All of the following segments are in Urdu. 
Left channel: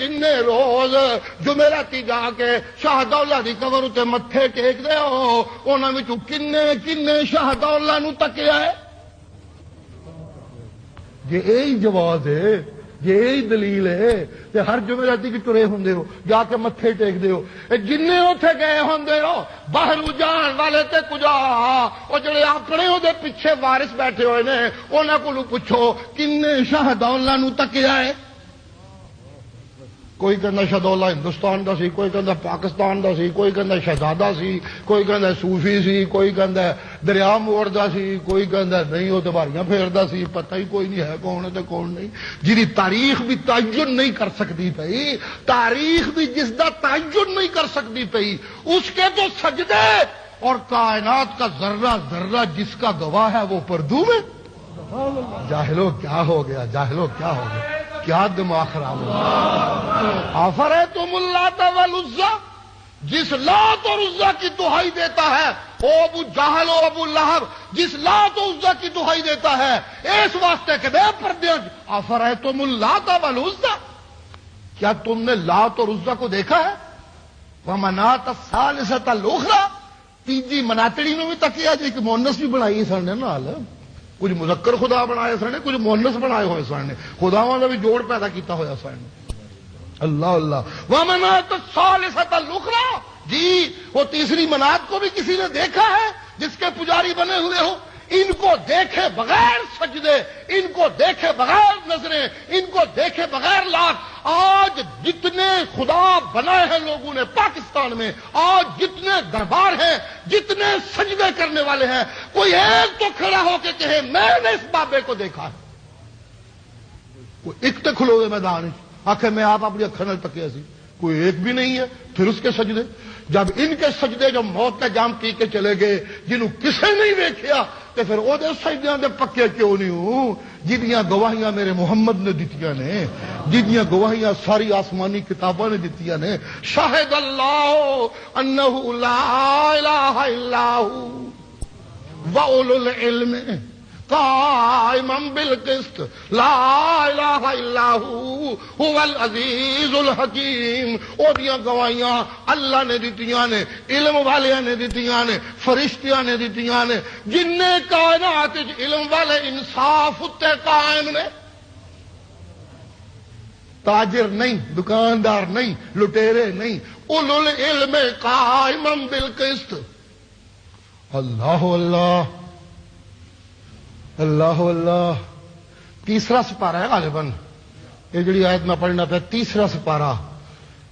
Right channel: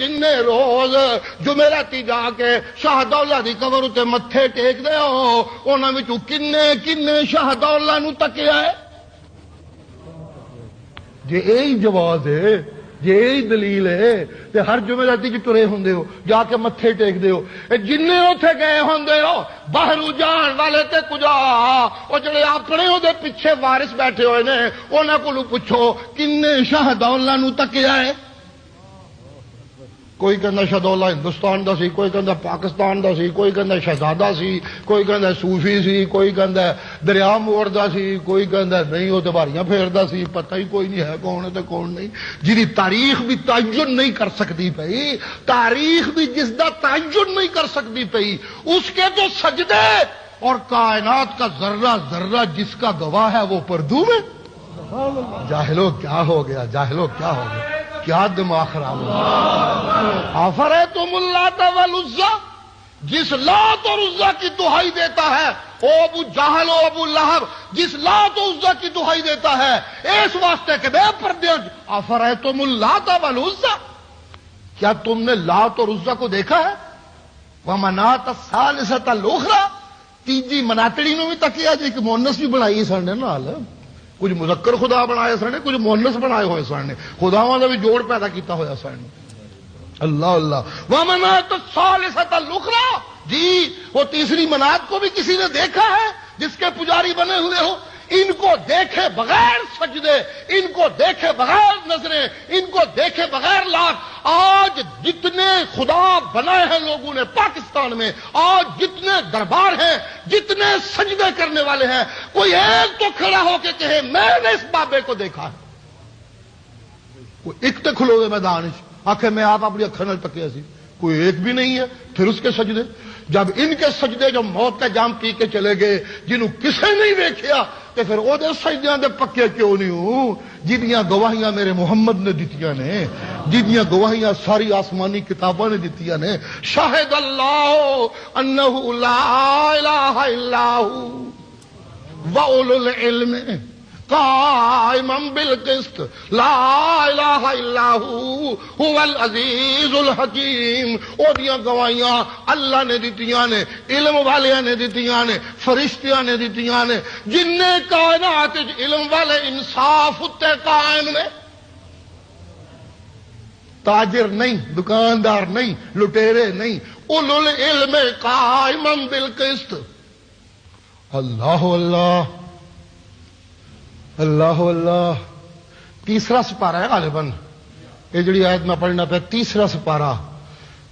کنے روز جمعراتی جا کے شاہ دولہ دی قبر تے متھے ٹیک دے ہو، انہاں وچوں کنے شاہ دولہ نو تکیا ہے؟ جے یہی جواب ہے، جے یہی دلیل ہے کہ ہر جمعراتی کی ترے ہوندے ہو، جا کے متھے ٹیک دے ہو، جننے اوتھے گئے ہوندے ہو باہروں جان والے تے کجا او جڑے اپنے او دے پیچھے وارث بیٹھے ہوئے نے انہاں کولوں پوچھو کنے شاہ دولہ نو تکیا ہے؟ کوئی کہندا شاہ دولہ ہندوستان دا سی، کوئی کہندا پاکستان دا سی، کوئی کہندا شہزادہ سی، کوئی کہندا صوفی سی، کوئی کہندا دریا موڑ دا سی، کوئی کہندا نہیں وہ تے باریاں پھیردا سی، پتہ ہی کوئی نہیں ہے کون ہے تے کون نہیں، جی تاریخ بھی تعین نہیں کر سکتی پئی، تاریخ بھی جس دا تعین نہیں کر سکتی پئی، اس کے تو سجدے اور کائنات کا ذرہ ذرہ جس کا گواہ ہے وہ پردو میں۔ جاہلو کیا ہو گیا، جاہلو کیا ہو گیا، کیا دماغ خراب ہو گیا۔ افریتم اللات والعزی، جس لات اور عزی کی دہائی دیتا ہے او ابو جہل و ابو لہب، جس لات و عزی کی دہائی دیتا ہے اس واسطے کہ بے پردے، افریتم اللات والعزی، کیا تم نے لات اور عزی کو دیکھا ہے؟ ومنات الثالثۃ الاخری، تیجی مناتڑی نے بھی تکیا جی کہ مونس بھی بنائی سن نے نال، کچھ مذکر خدا بنائے سن نے، کچھ مونس بنائے ہوئے سن نے، خداواں دا بھی جوڑ پیدا کیتا ہوا سن نے۔ اللہ اللہ، ومنات الثالثۃ الاخری، جی وہ تیسری منات کو بھی کسی نے دیکھا ہے جس کے پجاری بنے ہوئے ہو؟ ان کو دیکھے بغیر سجدے، ان کو دیکھے بغیر نظریں، ان کو دیکھے بغیر لاکھ، آج جتنے خدا بنائے ہیں لوگوں نے پاکستان میں، آج جتنے دربار ہیں، جتنے سجدے کرنے والے ہیں، کوئی ایک تو کھڑا ہو کے کہے میں نے اس بابے کو دیکھا ہے؟ کوئی ایک تو کھلو ہوئے میدان آخر میں آپ اپنی اکھر نال تکیا سی، کوئی ایک بھی نہیں ہے۔ پھر اس کے سجدے، جب ان کے سجدے جو موت تے جام پی کے چلے گئے جنہوں کسے نہیں دیکھیا، تو پھر او دے سجدیاں دے پکے کیوں نہیں ہوں؟ جنیاں گواہیاں میرے محمد نے دتیاں نے، جنیاں گواہیاں ساری آسمانی کتاباں نے دتیاں نے، شاہد اللہ انہ لا الہ الا ہو واولو العلم قائما بالقسط لا الہ الا هو العزیز الحکیم۔ او دیاں گواہیاں اللہ نے دتیاں نے، علم والیاں نے دتیاں نے، فرشتیاں نے دتیاں نے، جن نے کائنات علم والے انصاف تے قائم نے، تاجر نہیں، دکاندار نہیں، لٹیرے نہیں، اولو العلم قائما بالقسط۔ اللہ اللہ اللہ اللہ۔ تیسرا سپارہ ہے غالباً یہ جڑی آیت میں پڑھنا پہ، تیسرا سپارہ،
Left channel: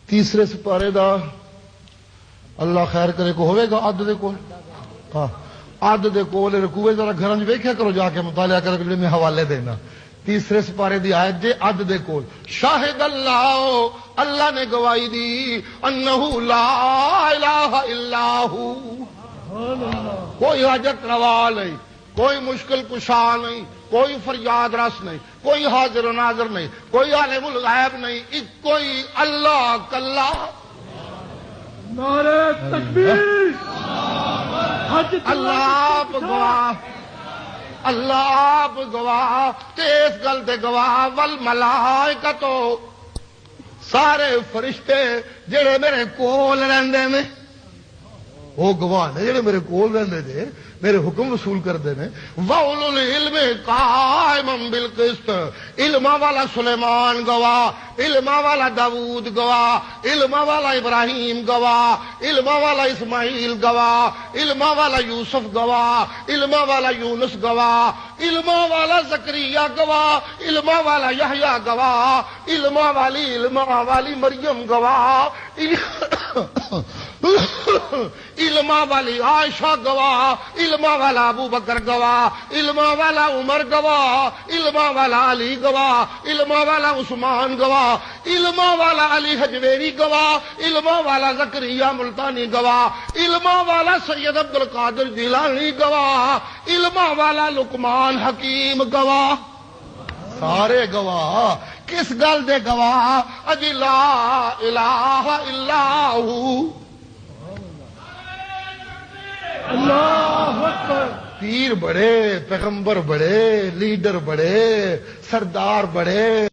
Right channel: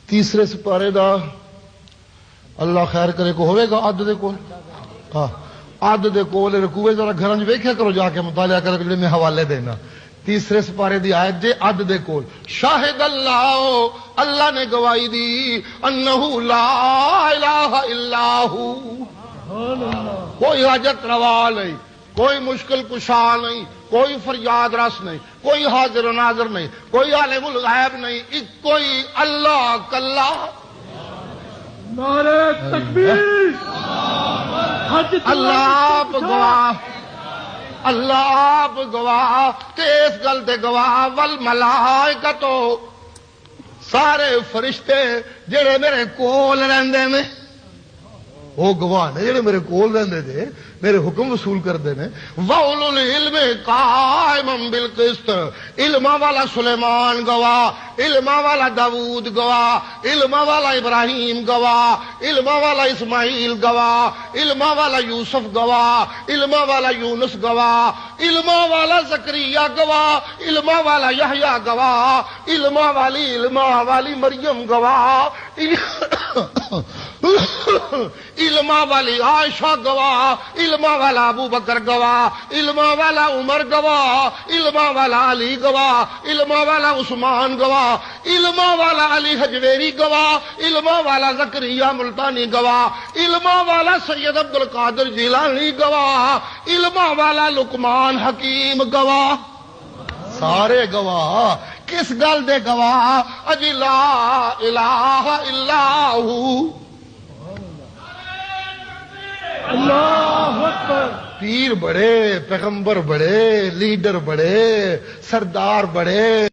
تیسرے سپارے دا اللہ خیر کرے کو ہوئے گا عد دے کول، ہاں عد دے کول رکوع ذرا گھراں ویکھیا کرو، جا کے مطالعہ کرو، جڑے میں حوالے دینا۔ تیسرے سپارے دی آیت دے عد دے کول، شاہد اللہ، اللہ نے گواہی دی، انہ لا الہ الا ہو، کوئی حاجت روا نہیں، کوئی مشکل کشا نہیں، کوئی فریاد رس نہیں، کوئی حاضر و ناظر نہیں، کوئی عالم الغیب نہیں، ایک کوئی اللہ کلا۔ نعرہ تکبیر، اللہ آپ گواہ، اللہ آپ گواہ، تیس گل دے گواہ، والملائکۃ، سارے فرشتے جڑے میرے کول رہندے نے، وہ گواہ نے جڑے میرے کول رہندے نے، میرے حکم وصول کردے نے۔ وَأُولُو الْعِلْمِ قَائِمًا بِالْقِسْطِ، علما والا سلیمان گواہ، علما والا داؤد گواہ، علما والا ابراہیم گواہ، علما والا اسماعیل گواہ، علما والا یوسف گواہ، علما والا یونس گواہ، علما والا زکریا گواہ، علما والا یحییٰ گواہ، علما والی مریم گواہ، علما والی عائشہ گواہ، علما والا ابو بکر گواہ، علما والا عمر گواہ، علما والا علی گواہ، علما والا عثمان گواہ، علما والا علی حجویری گواہ، علما والا زکریا ملتانی گواہ، علما والا سید عبد القادر جیلانی گواہ، علما والا لقمان حکیم گواہ، سارے گواہ۔ کس گل دے گواہ؟ اجی لا الہ الا ہو۔ اللہ اکبر۔ پیر بڑے، پیغمبر بڑے، لیڈر بڑے، سردار بڑے،